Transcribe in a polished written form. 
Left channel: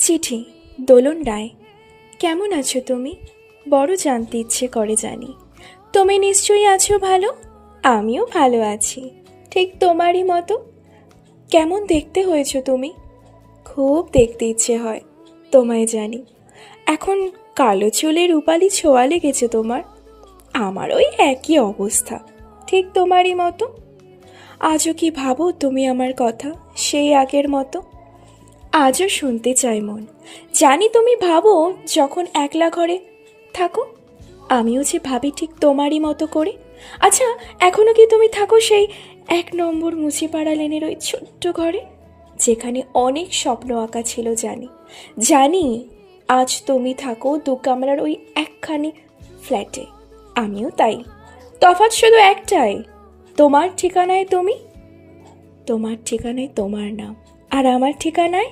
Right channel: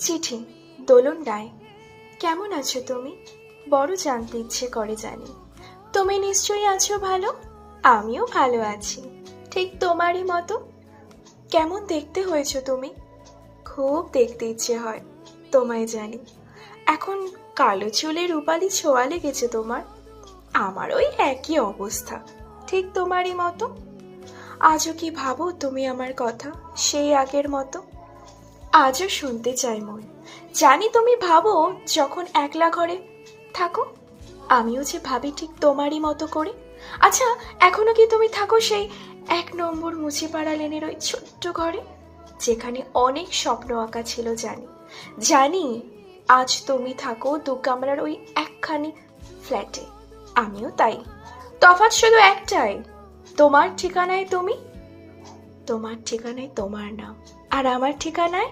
চিঠি দোলন রায়। কেমন আছো তুমি? বড় জানতে ইচ্ছে করে জানি। তুমি নিশ্চয়ই আছো ভালো। আমিও ভালো আছি, ঠিক তোমারই মতো। কেমন দেখতে হয়েছো তুমি? খুব দেখতে ইচ্ছে হয় তোমায় জানি। এখন কালো চুলে রূপালি ছোঁয়া লেগেছে তোমার। আমার ওই একই অবস্থা, ঠিক তোমারই মতো। আজও কি ভাবো তুমি আমার কথা, সেই আগের মতো? আজও শুনতে চাই মন। জানি তুমি ভাবো যখন একলা ঘরে থাকো, আমিও যে ভাবি ঠিক তোমারই মতো করে। আচ্ছা, এখনো কি তুমি থাকো সেই 1 নম্বর মুচিপাড়া লেনের ওই ছোট্ট ঘরে, যেখানে অনেক স্বপ্ন আঁকা ছিল? জানি জানি আজ তুমি থাকো 2 কামরার ওই একখানি ফ্ল্যাটে, আমিও তাই। তফাৎ শুধু একটাই, তোমার ঠিকানায় তুমি, তোমার ঠিকানায় তোমার নাম, আর আমার ঠিকানায়